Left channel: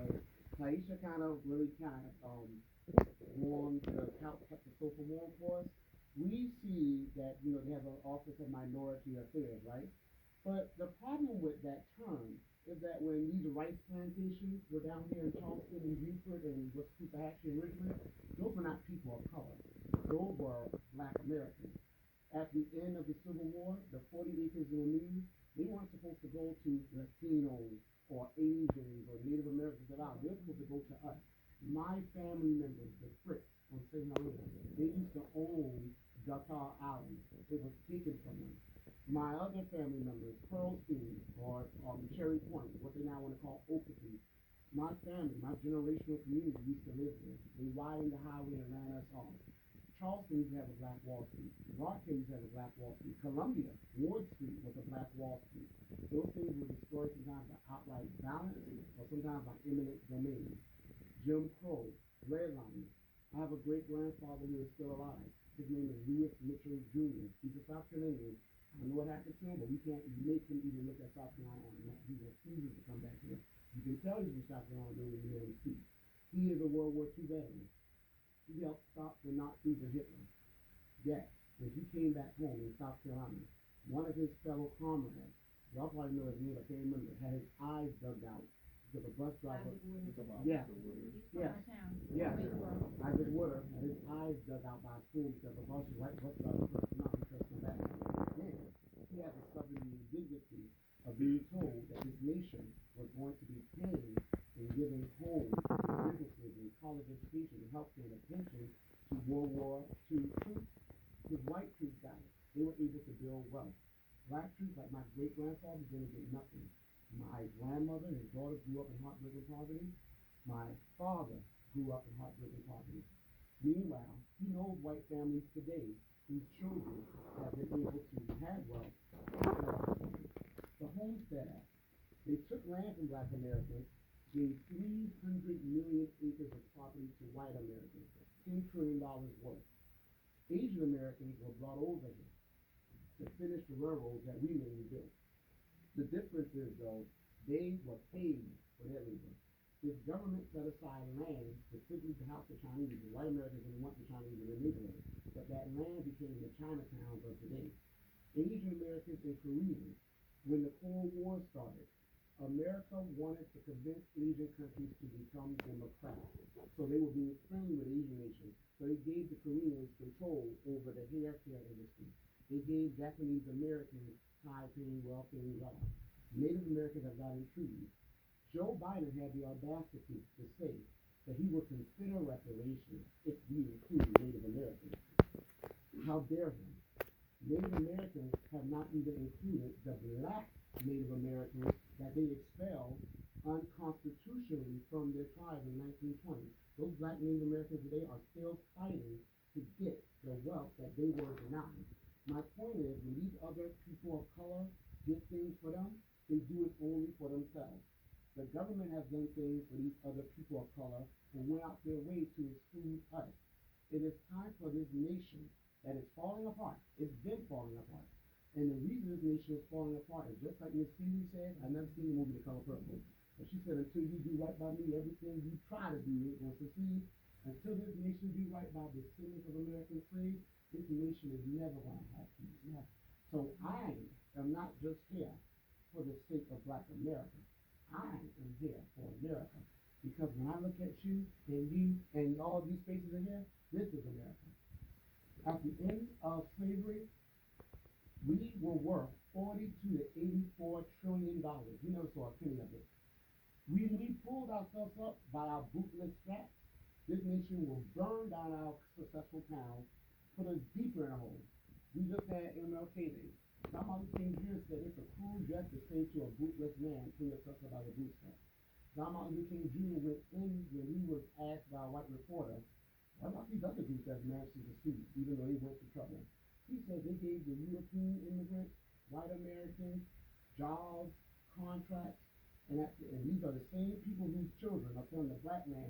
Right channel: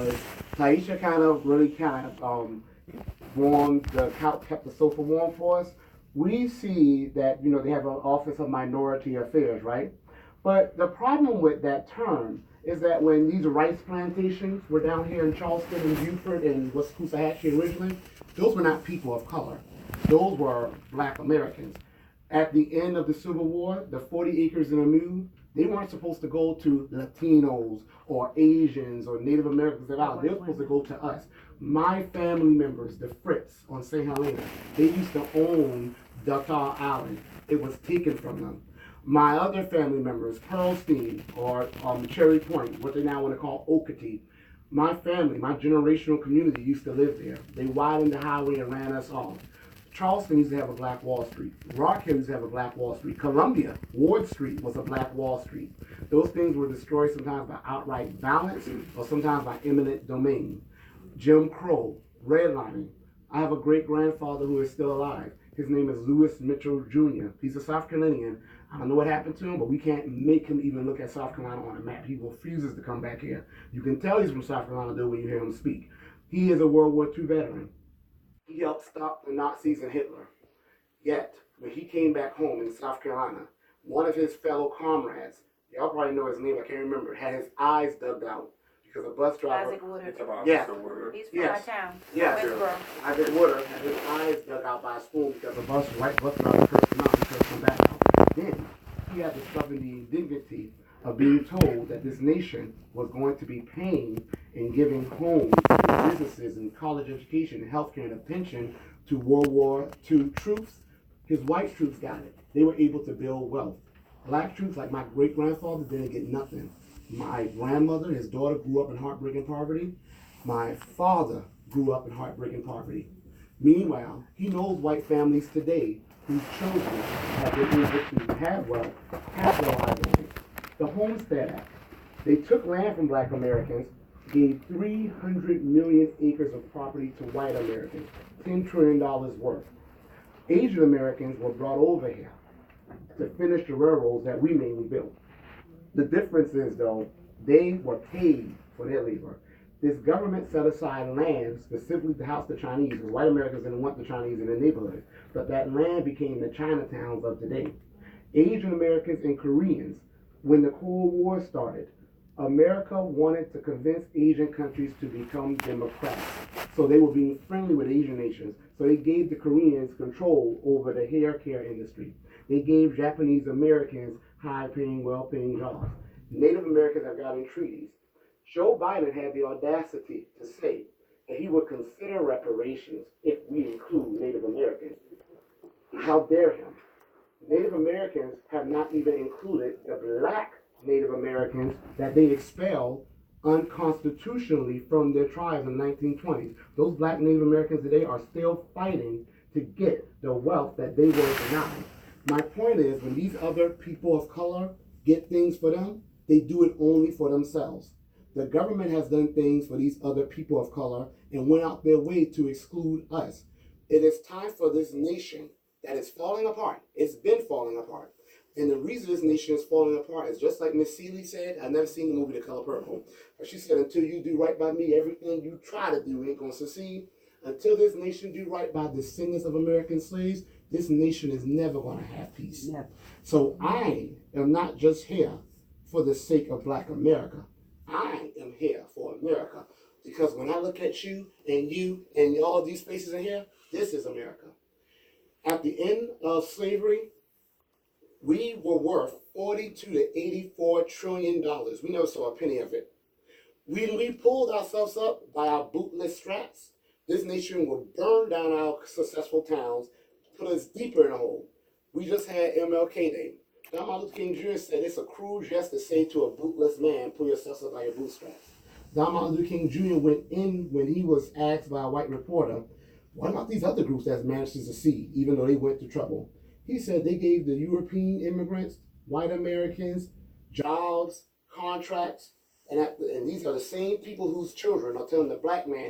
because Taisha kept the sofa warm for us. We see that, they have an Office of Minority Affairs, right? But the problem with that term is that when these rice plantations were down here in Charleston and Beaufort and Wiscoosahatchee originally, those were not people of color. Those were black Americans. At the end of the Civil War, the 40 acres and a mule, they weren't supposed to go to Latinos or Asians or Native Americans at all. They were supposed to go to us. My family members, the Fritz on St. Helena, they used to own Duttall Island. It was taken from them. My other family members, Pearlstein or Cherry Point, what they now want to call Okatee, my family, my generational community used to live there. They widened the highway and ran us off. Charleston used to have a black Wall Street. Rock Hill used to have a black Wall Street. Columbia, Ward Street was a black Wall Street. Those things were destroyed sometimes by outright violence or sometimes by eminent domain. Jim Crow, redlining. I have a great grandfather who is still alive. His name is Lewis Mitchell Jr. He's a South Carolinian. I don't know what happened to him, but we can't make him even look at South Carolina on a map. He refuses to come back here. You can tell he's from South Carolina though when you hear him speak. He is a World War II veteran. He helped stop the Nazis and Hitler. Yet, when he came back home in South Carolina, one of his fellow comrades, y'all probably know his name, I can't remember, had his eyes dug out because a bus driver. Isaac Woodard. Yeah. He's from my town. Yes. Westboro. Isaac Woodard had his eyes dug out by a spoon because a white bus driver cursed him out and cursed him back out. Then he had discovered the indignity of being told that this nation was going to be paying and giving homes and businesses and college education and healthcare and a pension to World War II troops. His white troops got it. They were able to build wealth. Black troops, like my great-grandfather, didn't get nothing. My grandmother, his daughter, grew up in heartbreaking poverty. My father grew up in heartbreaking poverty. Meanwhile, he knows white families today whose children have been able to have wealth, capitalize on it. The Homestead Act. They took land from black Americans, gave 300 million acres of property to white Americans, $10 trillion worth. Asian Americans were brought over here to finish the railroads that we mainly built. The difference is, though, they were paid for their labor. This government set aside land specifically to house the Chinese, because white Americans didn't want the Chinese in their neighborhood, but that land became the Chinatowns of today. Asian Americans and Koreans, when the Cold War started, America wanted to convince Asian countries to become democrats. So they were being friendly with Asian nations. So they gave the Koreans control over the hair care industry. They gave Japanese Americans high-paying, well-paying jobs. Native Americans have gotten treaties. Joe Biden had the audacity to say that he would consider reparations if we include Native Americans. How dare him? Native Americans have not even included the black Native Americans that they expelled unconstitutionally from their tribes in the 1920s. Those black Native Americans today are still fighting to get the wealth that they were denied. My point is, when these other people of color get things for them, they do it only for themselves. The government has done things for these other people of color and went out their way to exclude us. It is time for this nation that is falling apart. It's been falling apart. And the reason this nation is falling apart is just like Miss Seeley said. I've never seen the movie The Color Purple, but she said, until you do right by me, everything you try to do ain't going to succeed. Until this nation do right by the descendants of American slaves, this nation is never going to have peace. Never. So I am not just here for the sake of black America. I am here for America, because when I look at you and all these faces in here, this is America. At the end of slavery, we were worth $42 to $84 trillion. We never saw a penny of it. When we pulled ourselves up by our bootless straps, this nation will burn down our successful towns, put us deeper in a hole. We just had MLK Day. Don Martin Luther King Jr. said it's a cruel jest to say to a bootless man, pull yourself up by your bootstraps. Don Martin Luther King Jr. went in when he was asked by a white reporter, what about these other groups that managed to succeed, even though they went through trouble? He said they gave the European immigrants, white Americans, jobs, contracts, and these are the same people whose children are telling the black man